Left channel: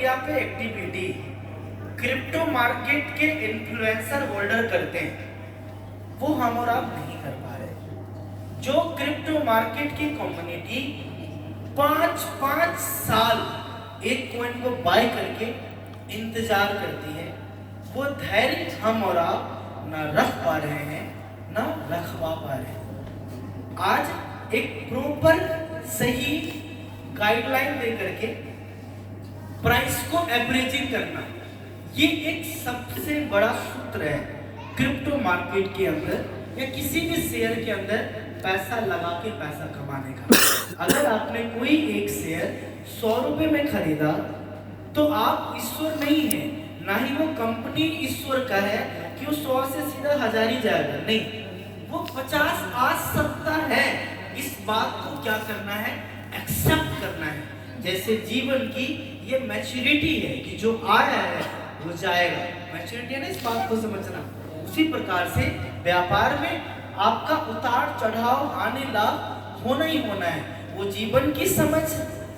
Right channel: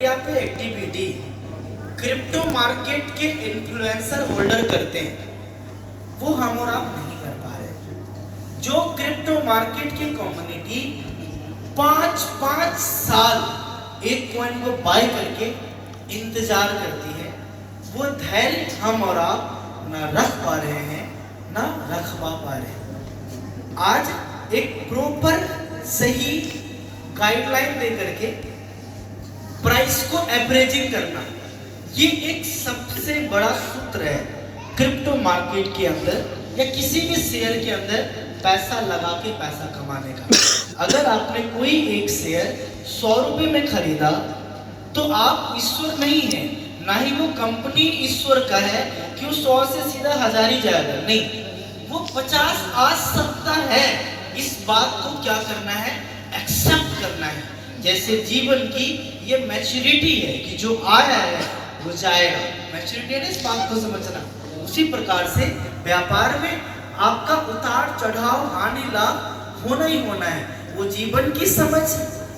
यहाँ पे activity crypto market के इन्फ्लुएंसर होल्डर करते हैं, वो हम और आप नहीं कर पा रहे। जो क्रिप्टो मार्केट की कम्युनिटी 5-5 साल एक कॉइन को बाय करके इंतजार करती है, वो धैर्य हम और आप ना रख पा रहे हैं, ना रख पा रहे हैं। आज एक प्रॉपर सही गाइडलाइन दे करके प्राइस को एवरेजिंग करना, ये एक सबसे बड़ा सूत्र है क्रिप्टो मार्केट के अंदर या किसी भी शेयर के अंदर पैसा लगा के पैसा कमाने का। अगर आपने कोई एक शेयर 100 रुपए में खरीदा तो आप ईश्वर नहीं है, ना ही वो कंपनी ईश्वर का है कि वो 100 से सीधा 1000 ही जाएगा, नहीं, वो 50 आ सकता है। इस बात को क्या करना है, एक्सेप्ट करना है। जैसे जीवन की ये मैच्योरिटी है कि जो आया है वो जाएगा, मैच्योरिटी है ना, इस बात को समझना। उसी प्रकार से व्यापार में आपका उतार चढ़ाव हानि लाभ होना ही होना है, वो जीवन की समझ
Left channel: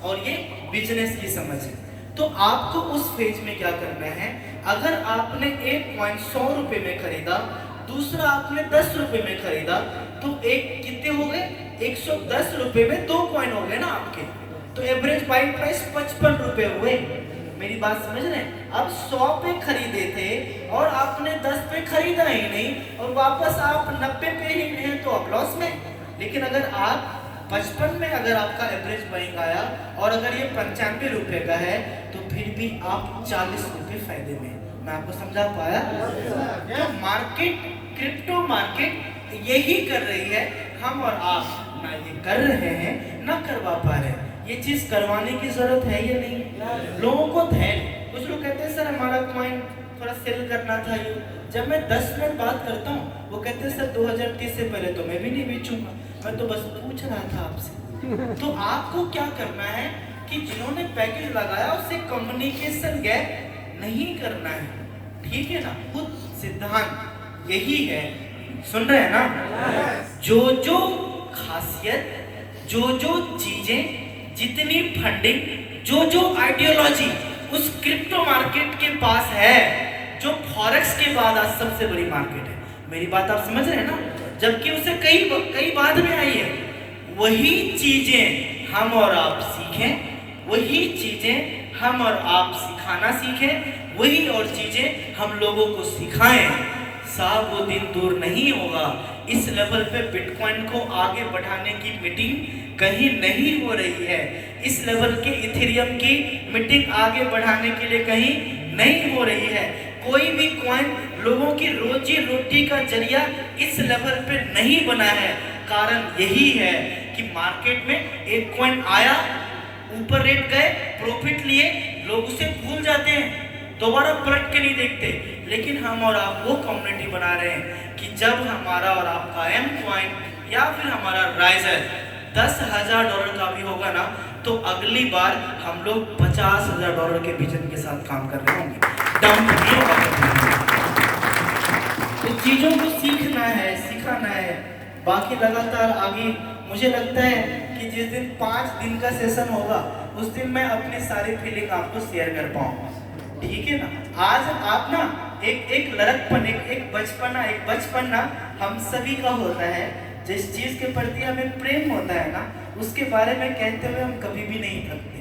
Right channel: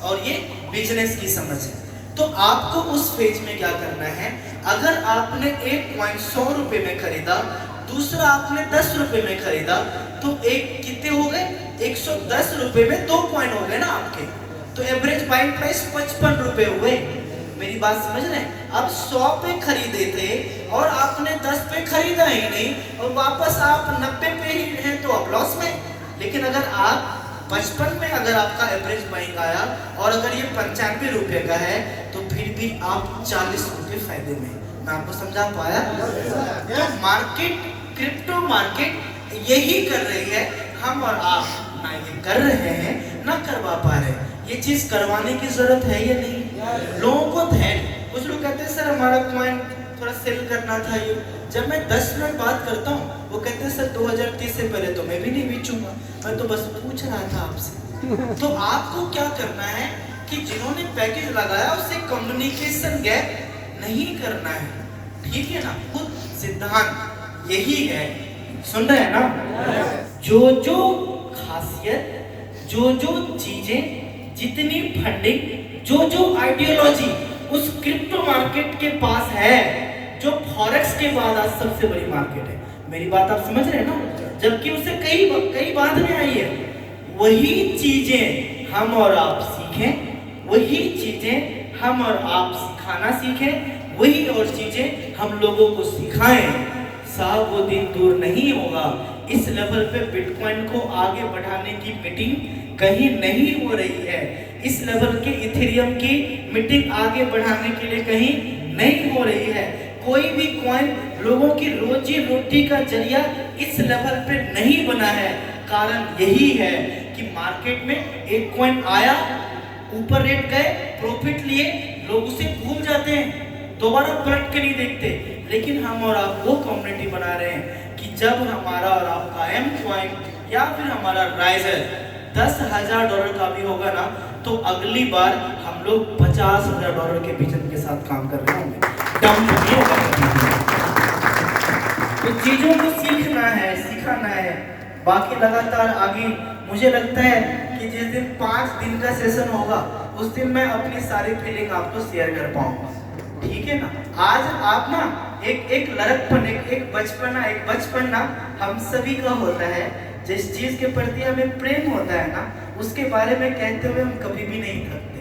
और ये बिजनेस की समझ है। तो आपको उस फेज में क्या करना है, अगर आपने एक कॉइन 100 रुपए में खरीदा, दूसरा आपने 10 रुपए में खरीदा, तो एक कितने हो गए, 110 रुपए में 2 कॉइन हो गए ना आपके, तो एवरेज बाइंग प्राइस 55 रुपए हो गए। मेरी बात समझ रहे हैं। अब 100 पे खरीदे थे और आपने 10 पे खरीदा ही नहीं और वापस आप 90 पे ही हैं, तो आप लॉस में। लेकिन अगर आप 55 में अगर आपका एवरेज बाइंग आया और अगर ये 95 रुपए का है, तो फिर भी आप 40 रुपए फायदे में। मैं आपको समझा पाया? तो मार्केट, क्रिप्टो मार्केट यही कर रही है, हम और आप ना ये कर रहे हैं ना करवा पा रहे हैं। ये चीज करवाने की जरूरत है या नहीं? लोगों को धैर्य, कुछ लोग कहते हैं सर हमारा कॉइन थोड़ा सेल करना था, ये जब मैं 10 मिनट बात करता हूँ वो कहते हैं सर 2030 से पहले तो मैं भी नहीं बेचूंगा, मैं तो बस पूछ रहा था आपसे। तो आपको क्या करना है कि जिन्होंने पैकेज लगाया उससे कम्युनिकेशन गैप नहीं करना है, ठीक है ना। खुद सिद्धांत यही है, सुन रहे हैं ना। जो जो खासियत, जो जो चीजें, जितनी फंडिंग, जो जो आइडियोलॉजी उस क्रिप्टो मार्केट के पास है, जो फॉरेक्स के बाद आज सबसे बड़ी मार्केट है। मेरी बात आप समझ रहे हैं ना, जबकि उसे कई बाद में आई है। वही चीजें हम और आप सीखें, वही चीजें हम और आप सिखाना सीखें, वही और चीजें हम लोगों को सिखाएं। साहब वो दिन दूर नहीं होगा, इस लेवल पे बिटकॉइन को आगे बढ़ाने की मीटिंग कहीं नहीं हो रही है, इस लेवल के इथेरियम की मीटिंग आगे बढ़ाने के लिए कहीं नहीं हो रही है। कोई भी कॉइन लोगों की रोजी रोटी का जरिया इस लेवल पे नहीं बना है। कारण यही है कि मार्केट में एक कॉइन आया, ऊपर रेट गए, प्रॉफिट लिए, लोग उसे भूल जाते हैं, दोबारा पलट के नहीं देखते। लेकिन हम और आप वो कम्युनिटी बना रहे हैं कि जब हमारा और आपका एम कॉइन या फिर हमारा राइजर $10,000 का भी होगा ना, तो अगली बार हम लोग $50,000 के विजन के साथ काम कर रहे होंगे। तो चीजों को सीखना है, सिखाना है, बाकी लगातार आगे। मुझे लगता है कि जिस दिन 5 दिन का सेशन होगा उस दिन मैं अपनी सारी फीलिंग आपको शेयर कर पाऊंगा, ठीक है ना। आज आप ना एक लड़कपन, एक बचपन ना हम सभी का होता है। जिस चीज के प्रति हमें प्रेम होता है ना, उसके बारे में कहते हुए हम कभी भी नहीं थकते।